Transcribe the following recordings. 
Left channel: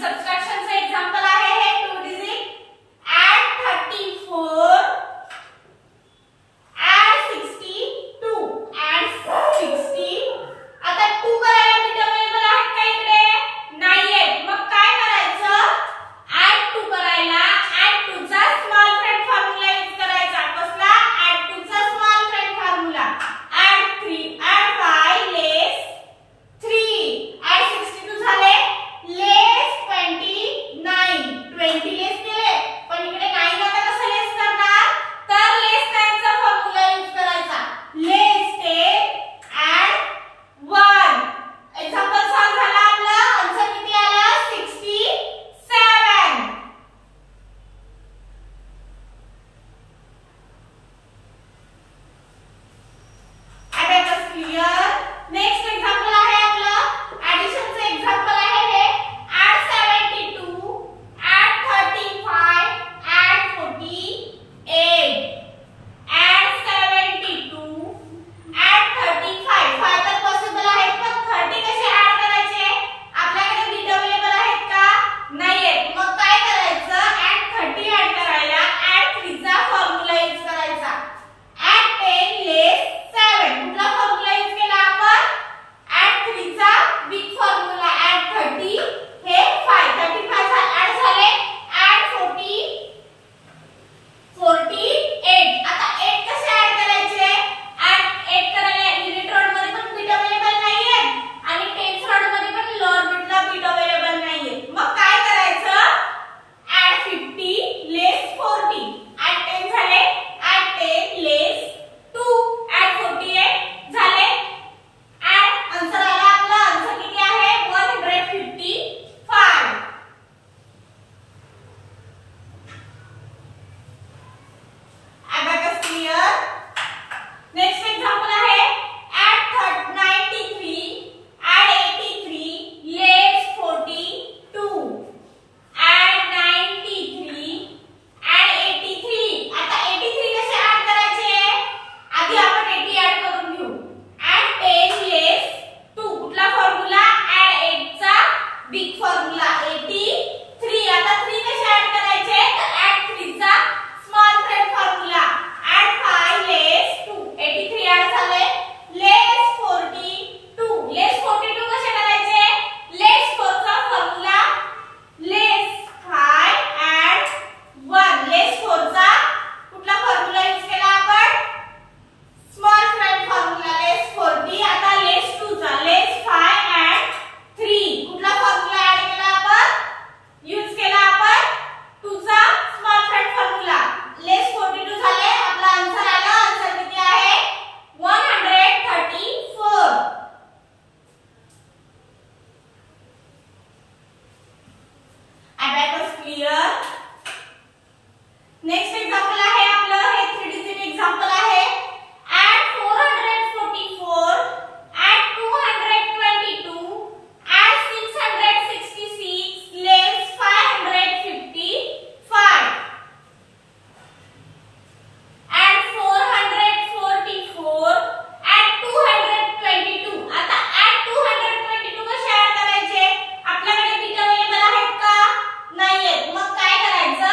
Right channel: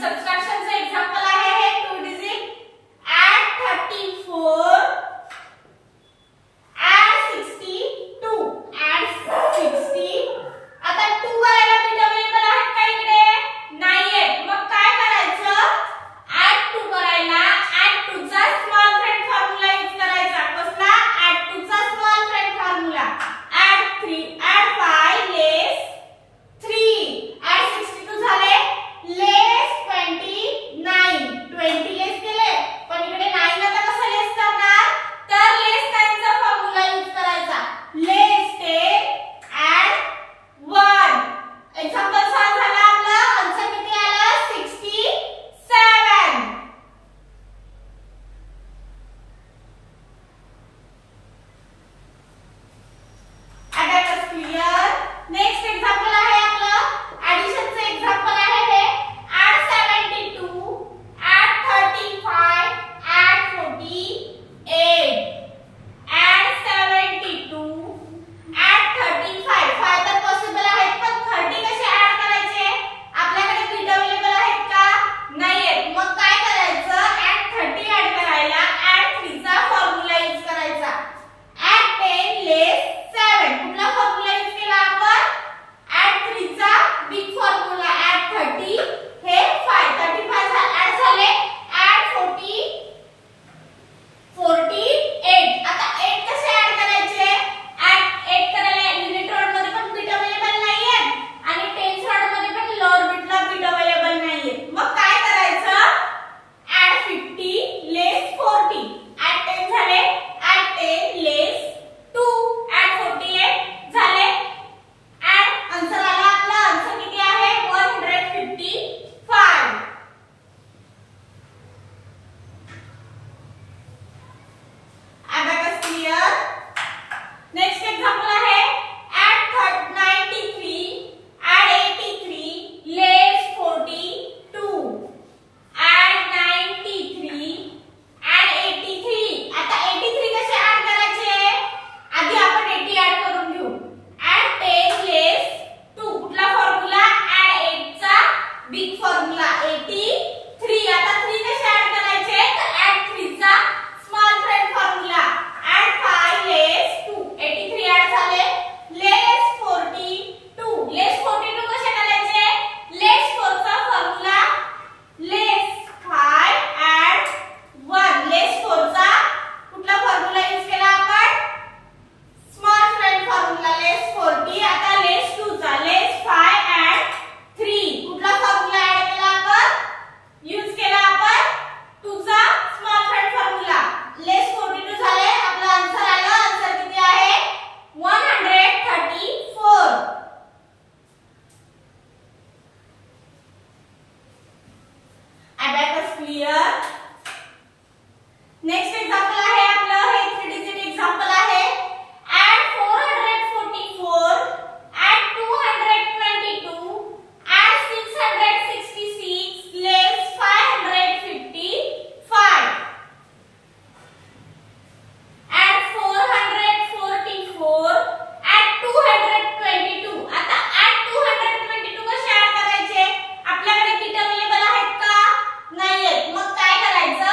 सबट्रॅक्शनचं एक्झाम्पल आहे हे 2 digit add 34 add 62 add 60 आता 2 करायला बीट अवेलेबल आहेत का इकडे नाहीये मग काय करायचं add 2 करायला add 2 चा स्मॉल फ्रेंड फॉर्म्युला यूज करायचा कसला add 2 चा स्मॉल फ्रेंड फॉर्म्युला add 3 add 5 less 3 add 62 झाले less 29 20 लेस केले पण इकडे 9 आता कसं लेस करणार तर लेस 9 चा फॉर्म्युला यूज करायचा लेस 10 add 1 एक्झाम्पल सॉल्व झाला आपला आन्सर किती आला 67 अबॅकस क्लियर नेक्स्ट एक्झाम्पल आहे आपलं ऍडिशनचं एक्झाम्पल आहे हे add 72 add 35 add 48 add 72 add 35 5 तर पॉसिबल आहेत पण 30 कसे ऍड करायचे आपल्याकडे बीट अवेलेबल आहेत का नाहीये मग काय करायचं add 30 ऍड करायला add 3 चा फॉर्म्युला यूज करायचा add 10 less 7 कुठला फॉर्म्युला यूज केला आपण add 3 चा बिग फॉर्म्युला add 30 हे 5 35 ऍड झाले add 48 आता 8 कसे ऍड करायचे add 8 करायला युनिट रॉड मध्ये पण बीट अवेलेबल नाहीये आणि टेन्स रॉड मध्ये पण लोअर बीटला बीट अवेलेबल नाहीये मग काय करायचं add 50 less 40 add 10 झाले add 10 less 2 add 48 झाले add आन्सर आला आपला आन्सर किती आहे 155 अबॅकस क्लियर नेक्स्ट एक्झाम्पल आहे add 93 add 83 less 42 add 93 add 83 आता 83 कसे ऍड करायचे आधी आपण 80 ऍड करून घेऊ add 10 less 2 कुठला फॉर्म्युला add 8 चा बिग फॉर्म्युला 83 आता 3 कसे ऍड करायचे तर add 3 चा small friend formula add 5 less 2 83 add झाले less 42 less 42 कसे करायचे less 4 चा फॉर्म्युला less 5 add 1 less 4 चा कुठला फॉर्म्युला यूज केला आपण स्मॉल फ्रेंड फॉर्म्युला less 40 आता less 2 चा less 5 add 3 कुठला फॉर्म्युला ऍड केला आपण यूज केला आपण 2 चा स्मॉल फ्रेंड फॉर्म्युला less 42 झाले आपला आन्सर आला आन्सर किती आहे 134 अबॅकस क्लियर नेक्स्ट एक्झाम्पल आहे आपलं हे 3 डिजिट एक्झाम्पल आहे add 444 add 222 add 666 less 555 add 444 add 222 आता add 222 कसे ऍड करायचे आपल्याकडे बीट अवेलेबल आहेत का नाहीये मग काय करायचं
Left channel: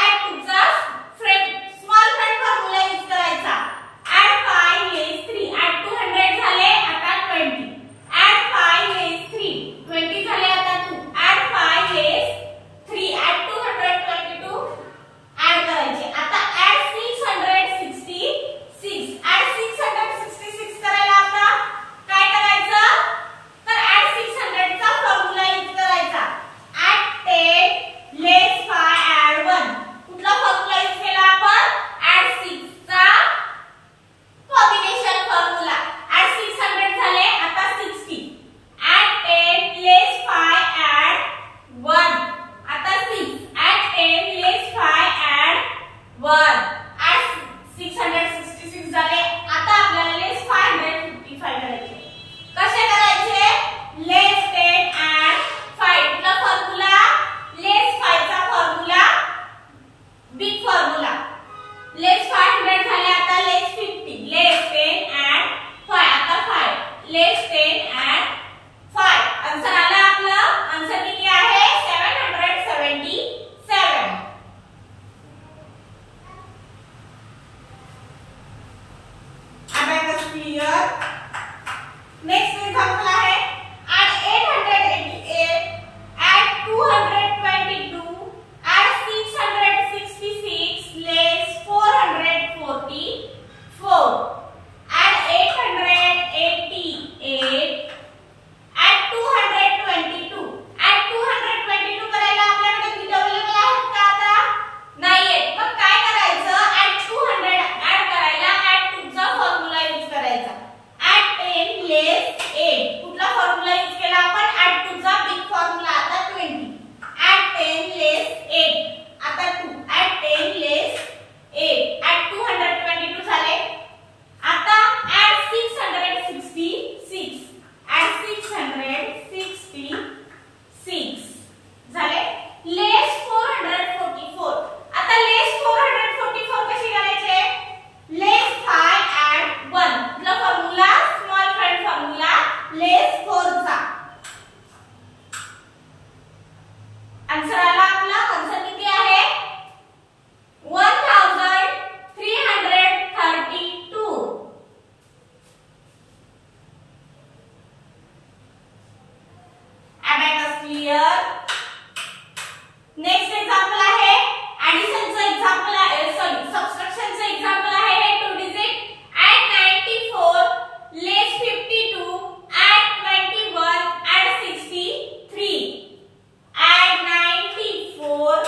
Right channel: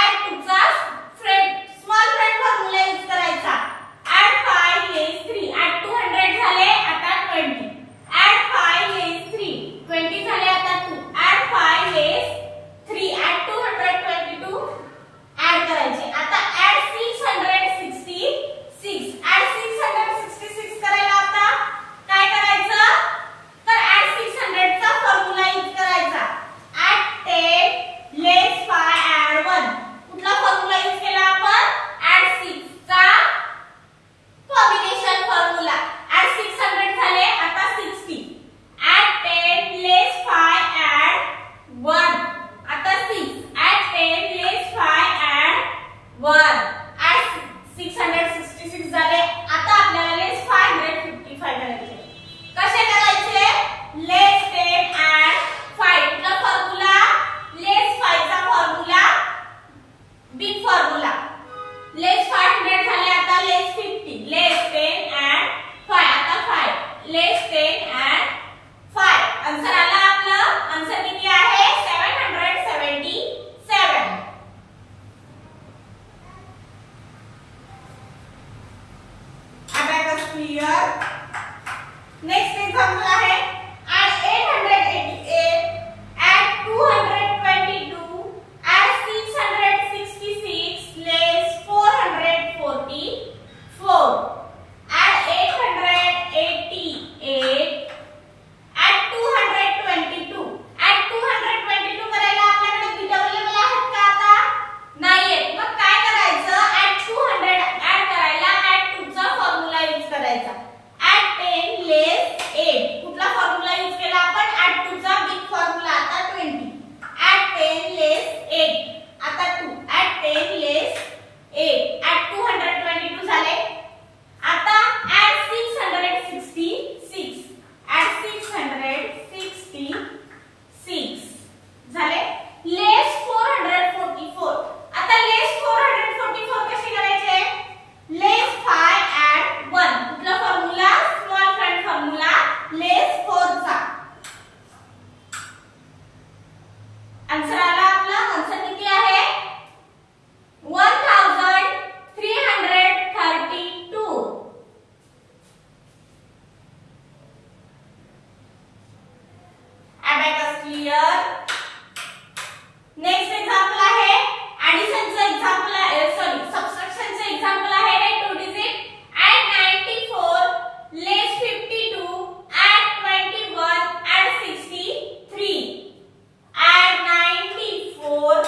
add 2 चा फ्रेंड आन्सर आला आपला. आन्सर किती आहे 1332. Abacus clear. नेक्स्ट एक्झाम्पल आहे ऍडिशनचं एक्झाम्पल आहे, सॉरी सबट्रॅक्शनचं एक्झाम्पल आहे. 2 डिजिट add 94 less 52 add 21 add 63. add 94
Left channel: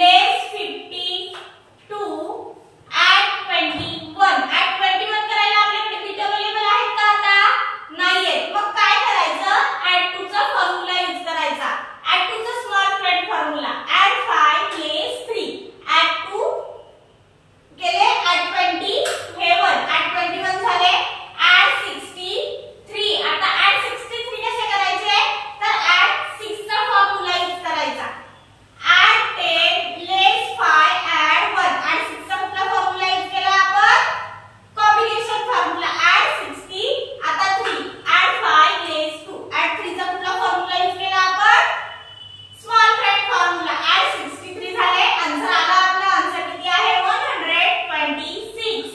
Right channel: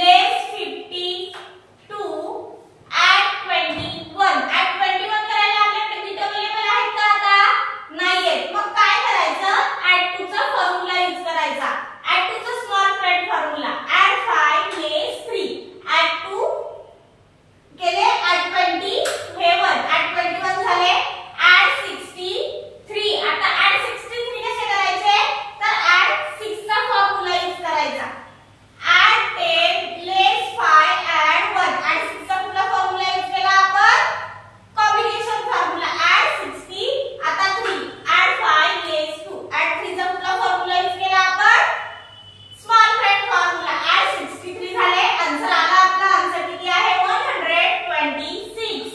less 52 add 21. add 21 करायला आपल्याकडे बिट अवेलेबल आहेत का? आता नाहीये. मग काय करायचं? add 2 चा फॉर्म्युला यूज करायचा. add 2 चा स्मॉल फ्रँड फॉर्म्युला add 5 less 3 add 2 केले add 20 हे 1 add 21 झाले add 63. आता add 63 कसे करायचे? तर add 6 चा फॉर्म्युला यूज करायचा. add 10 less 5 add 1 add 6 चा कुठला फॉर्म्युला यूज केला आपण? Combination formula add 60. आता 3 add 5 less 2 add 3 चा कुठला फॉर्म्युला यूज केला आपण? स्मॉल फ्रँड फॉर्म्युला add 63 झाले. आन्सर आला आपला. आन्सर किती आहे 126.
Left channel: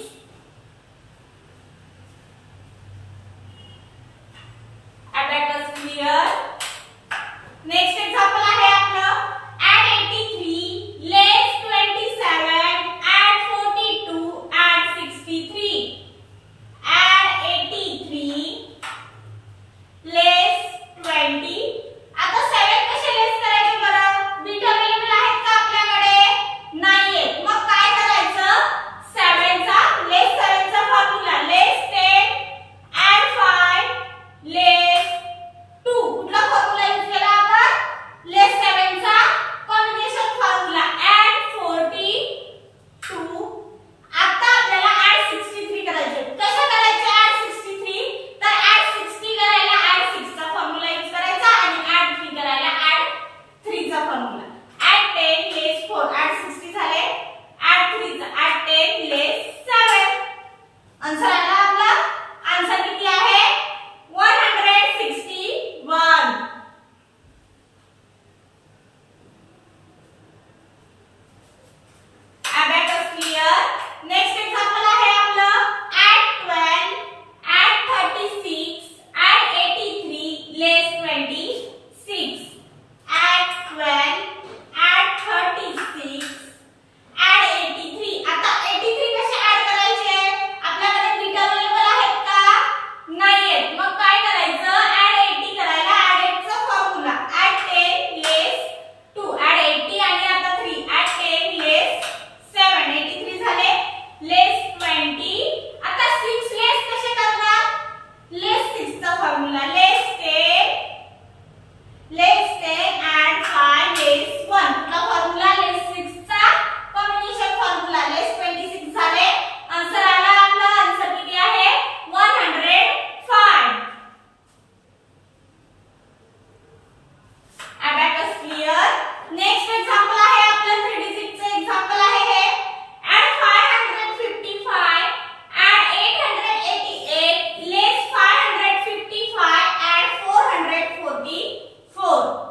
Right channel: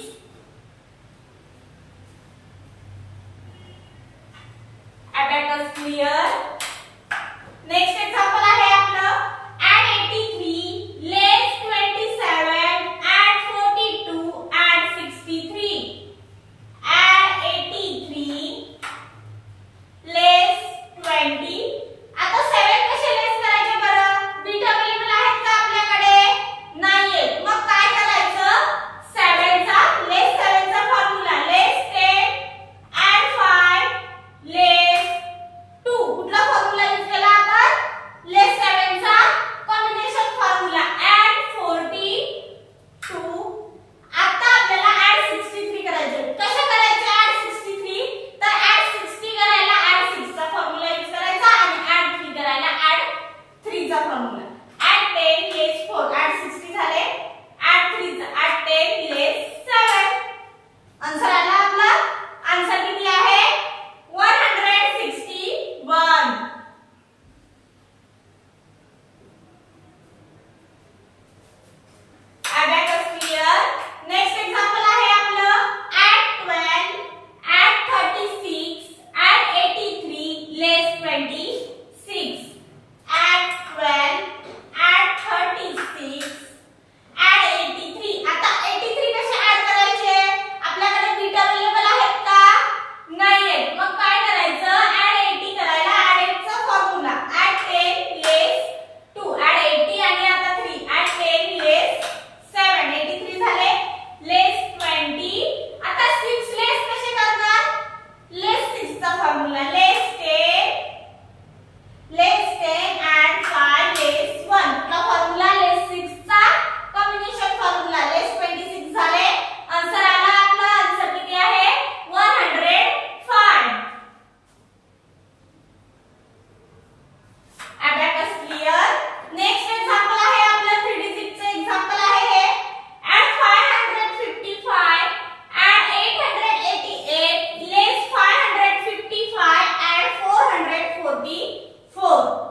Abacus clear. नेक्स्ट एक्झाम्पल आहे आपलं add 83 less 27 add 42 add 63. add 83 less 20. आता 7 कसे लेस करायचे बरं? बिट अवेलेबल आहेत का आपल्याकडे? नाहीये. मग काय करायचं? 7 चा लेस 7 चा फॉर्म्युला लेस 10 add 5 लेस 2. कुठला फॉर्म्युला यूज केला आपण? लेस 7 चा कॉम्बिनेशन फॉर्म्युला add 42. आता आपल्याला add 63 करायचे. कसे करायचे add 63? तर add 60 करायला add 6 चा फॉर्म्युला यूज करायचा आणि add 3 करायला add 3 चा फॉर्म्युला. add 10 less 4 add 60 झाले add 3 चा add 10 less 7. आन्सर आला आपला. आन्सर किती आहे 161. Abacus clear. नेक्स्ट एक्झाम्पल आहे आपलं add 12 add 36 add 83 less 26. add 12 add 36 add 83. आता 83 कसे ऍड करायचे? आपल्याकडे बिट अवेलेबल आहेत का? नाहीये. मग काय करायचं? add 80 करायला add 8 चा फॉर्म्युला add 10 less 2 add 80 आणि आता 3 add 10 less 7 83 झाले less 20. आता 6 less कसे करणार? less 6 चा फॉर्म्युला less 10 add 5 less 1. कुठला फॉर्म्युला? less 6 चा कॉम्बिनेशन फॉर्म्युला less 26 झाले. आन्सर आला आपला. आन्सर किती आहे 105. Abacus clear. नेक्स्ट एक्झाम्पल आहे आपलं 3 डिजिटचं एक्झाम्पल आहे हे add 555 add 888 less 555 add 444.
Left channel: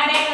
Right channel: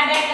add at